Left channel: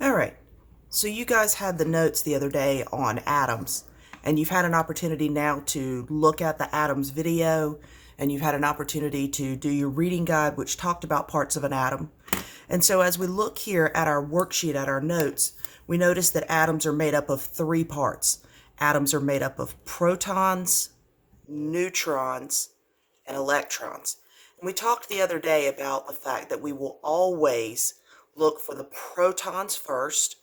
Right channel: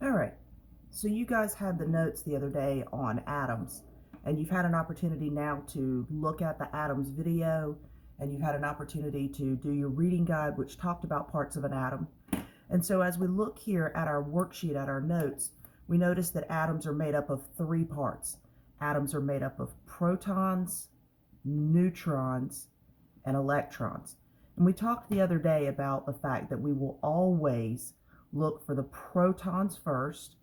All right, so you guys had the notes the other day on atoms, and you've had an opportunity now to look at the atoms video, and you've had an opportunity to do your reading guide, which talked about parts of an atom. And so as we look here at our worksheet, at our notes, we notice that atoms are made up of three parts. Atoms are made up of protons, neutrons, and electrons. And we talked the other day about the fact that we will always look for the protons first,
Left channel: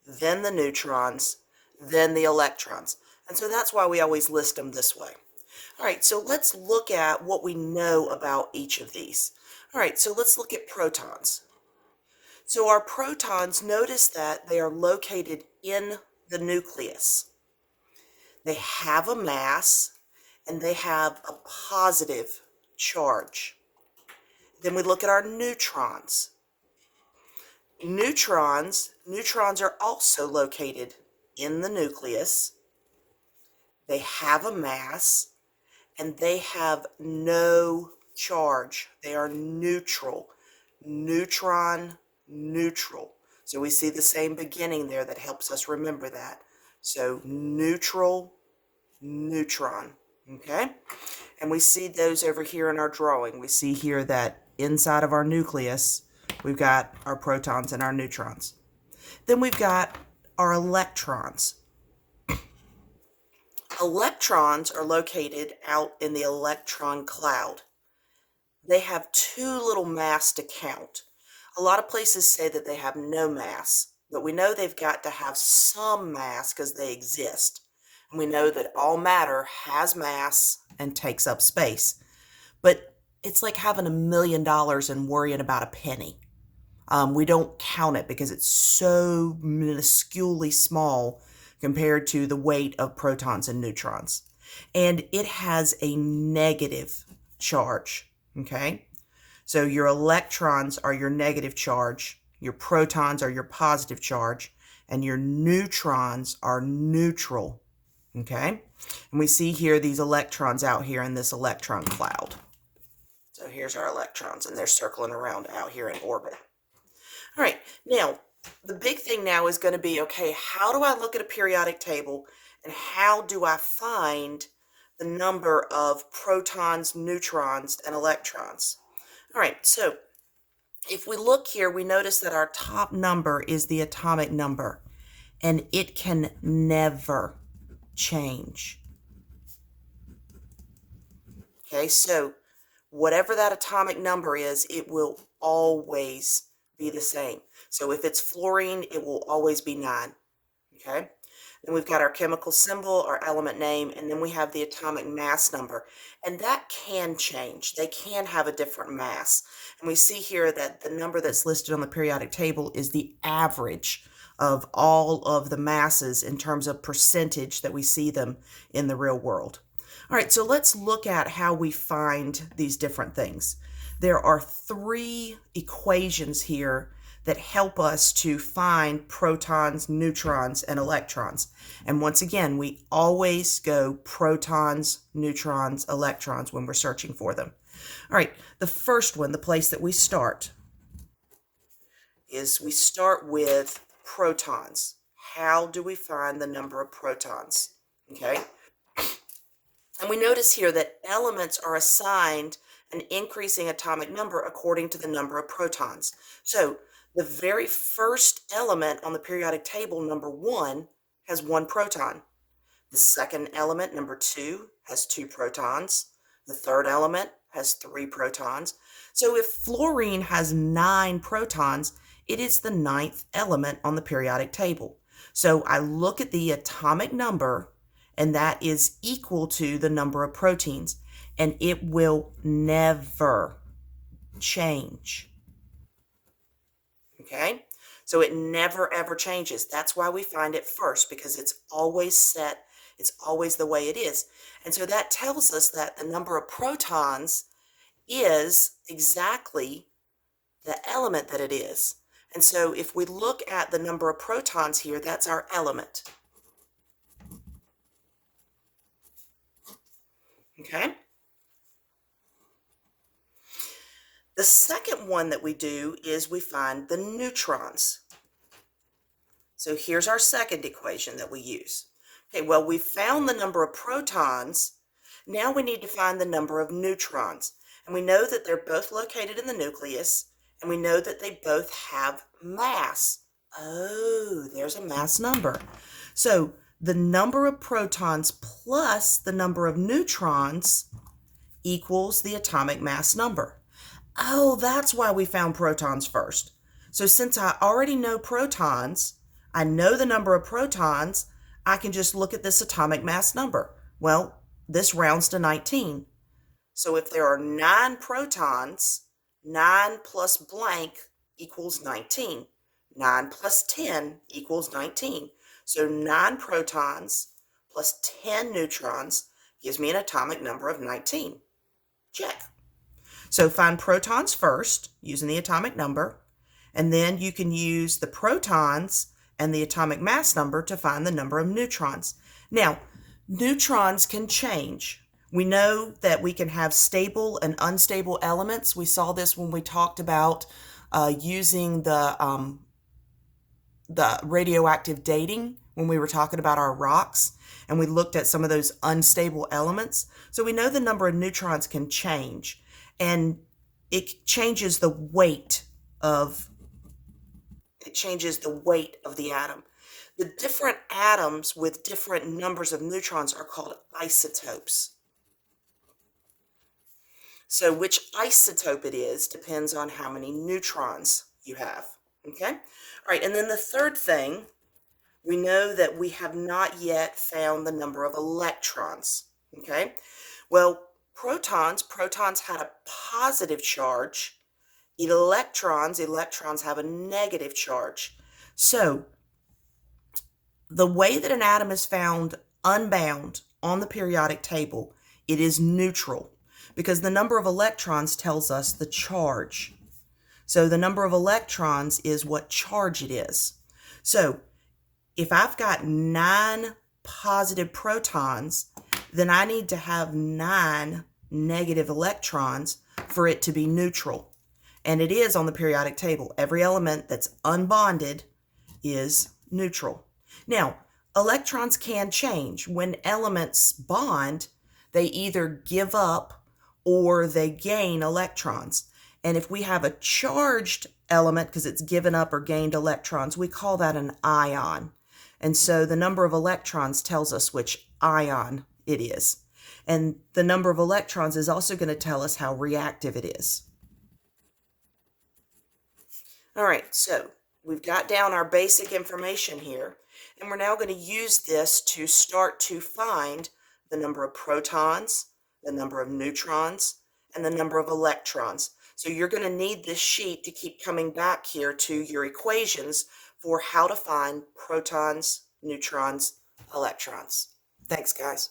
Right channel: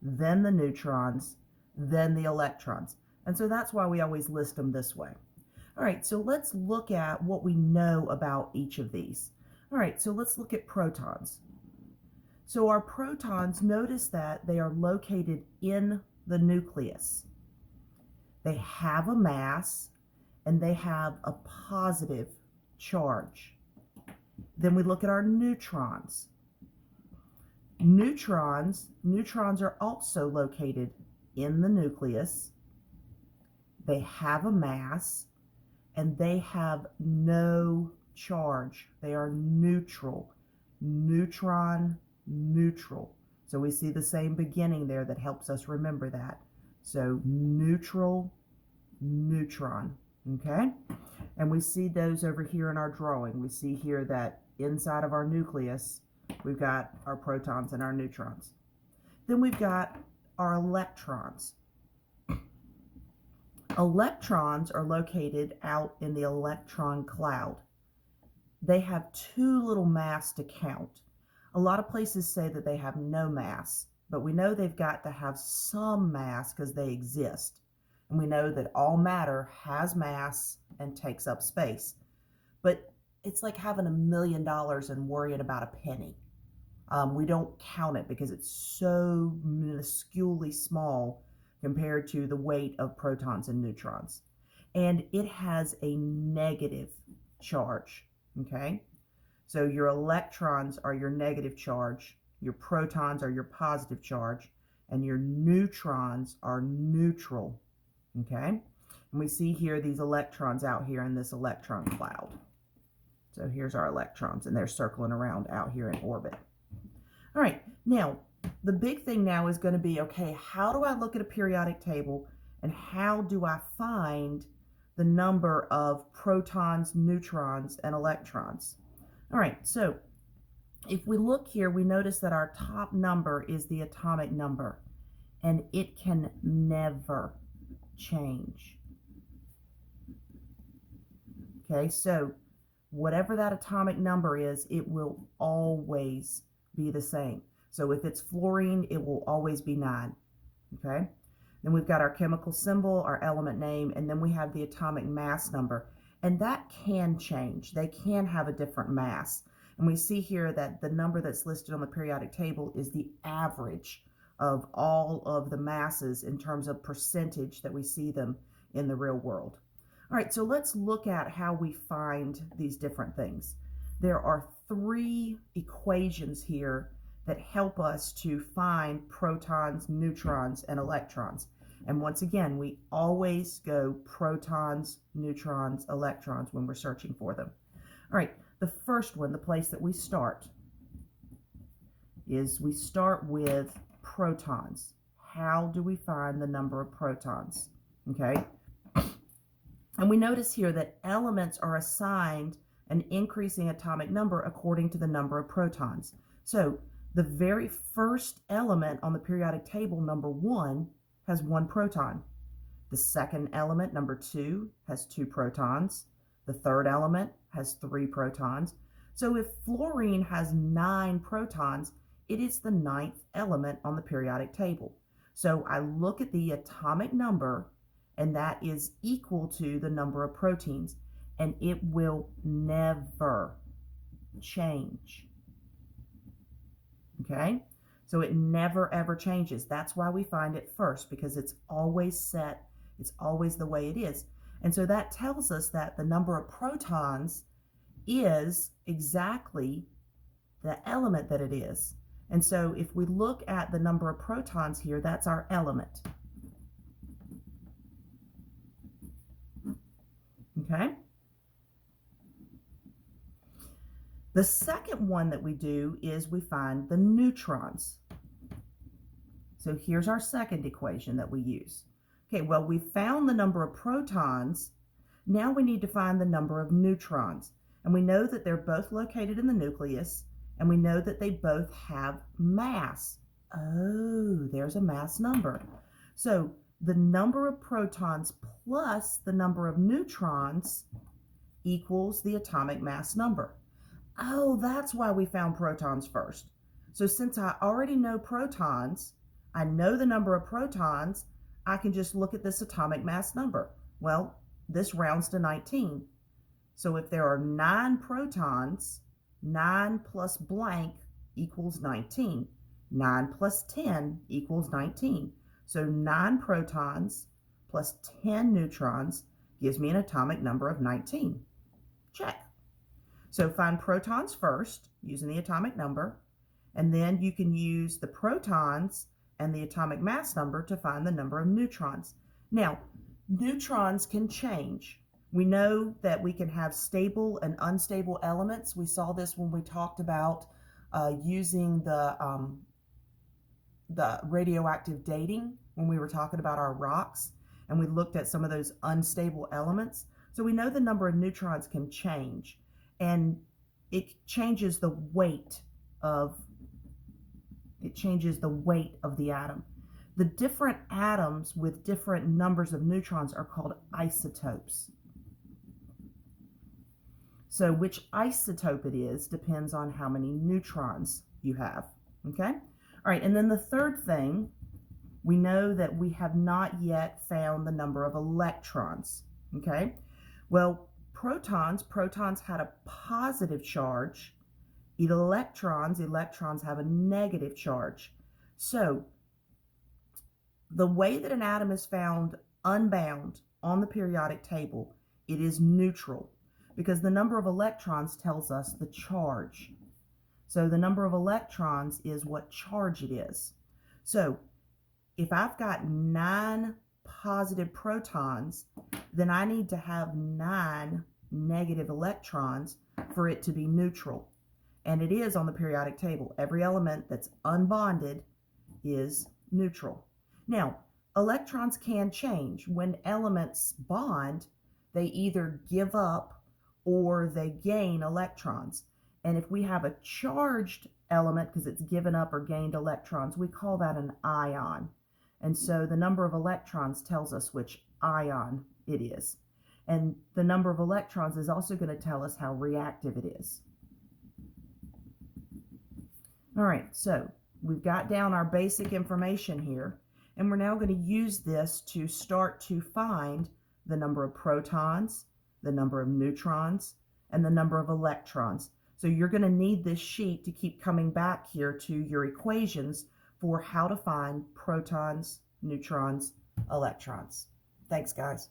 then the neutrons, then the electrons. And so that's why we always list them this way. All right, so let's look at what we know about each of these. All right, so let's look at protons. So our protons, notice that they are located in the nucleus. They have a mass and they have a positive charge. Then we look at our neutrons. Neutrons are also located in the nucleus. They have a mass and they have no charge. They are neutral. Neutron, neutral. So we see the same beginning there that helps us remember that. So neutral, neutron, okay? And we see those over here in our drawing. We see here that inside of our nucleus, we've got our protons and our neutrons. Then we've got our electrons. Electrons are located out in the electron cloud. They have too little mass to count. A lot of places say that they have no mass, but we know they've got to have some mass because they exist. And we know that all matter has mass and takes up space. But it's like having $1 million and worrying about a penny. We don't count it because it's so minusculely small compared to the weight of protons and neutrons. And it has a negative charge, okay? So your electrons are your negative charge, your protons are your positive charge, and your neutrons are neutral, okay? And we see here these electrons out here in this electron cloud. So here's our electrons, and they're circling around out here in orbit. All right, now, the big thing now is going to be, okay, how do I look at a periodic table, and how do I find the number of protons, neutrons, and electrons? All right, so if we look here, we notice that our top number is the atomic number, and it can never change. Okay, so whatever that atomic number is, it will always be the same. So if it's fluorine, it will always be 9. Okay? Then we've got our chemical symbol, our element name, and then we have the atomic mass number. And that can change. They can have a different mass. And we see here that the number that's listed on the periodic table is the average of all of the masses in terms of percentage that we see them in the real world. All right, so let's look at how we find these different things. There are 3 equations here that help us to find protons, neutrons, and electrons. And once again, we always go protons, neutrons, electrons when we're searching for them. All right, the first one, the place that we start, is we start with protons. How do we find the number of protons? Okay. And we notice here that elements are assigned an increasing atomic number according to the number of protons. So the very first element on the periodic table, number 1, has 1 proton. The second element, number 2, has 2 protons. The third element has 3 protons. So if fluorine has 9 protons, it is the 9th element on the periodic table. So I look at the atomic number, and that is equal to the number of proteins, and it will never change. Okay? So it never ever changes. That's why we find it first, because it's always set, it's always the way it is. And so that tells us that the number of protons is exactly the element that it is. And so if we look at the number of protons here, that's our element. Okay? The second one that we do is we find the neutrons. So here's our second equation that we use. Okay, well, we found the number of protons. Now we need to find the number of neutrons. And we know that they're both located in the nucleus, and we know that they both have mass. Oh, there's a mass number. So the number of protons plus the number of neutrons equals the atomic mass number. Oh, that's why we found protons first. So since I already know protons, I know the number of protons, I can just look at this atomic mass number. Well, this rounds to 19. So if there are 9 protons, 9 plus blank equals 19. 9 plus 10 equals 19. So 9 protons plus 10 neutrons gives me an atomic number of 19. Check. So find protons first using the atomic number, and then you can use the protons and the atomic mass number to find the number of neutrons. Now, neutrons can change. We know that we can have stable and unstable elements. We saw this when we talked about using the radioactive dating when we were talking about our rocks, and we looked at some of those unstable elements. So we know the number of neutrons can change, and it changes the weight of the atom. The different atoms with different numbers of neutrons are called isotopes. So which isotope it is depends on how many neutrons you have, okay? All right, and then the third thing, we know that we have not yet found the number of electrons, okay? Well, protons had a positive charge. Electrons have a negative charge. So the way that an atom is found unbound on the periodic table, it is neutral, because the number of electrons tells us the charge. So the number of electrons is what charge it is. So if I've got 9 positive protons, then I need to have 9 negative electrons for it to be neutral. And it is on the periodic table. Every element that's unbonded is neutral. Now, electrons can change. When elements bond, they either give up or they gain electrons. And if we have a charged element, because it's given up or gained electrons, we call that an ion. And so the number of electrons tells us which ion it is. And the number of electrons is also going to tell us how reactive it is. All right, so we've got down our basic information here, and we're now going to use this to start to find the number of protons, the number of neutrons, and the number of electrons. So you're going to need this sheet to keep coming back here to your equations for how to find protons, neutrons, electrons. Thanks, guys.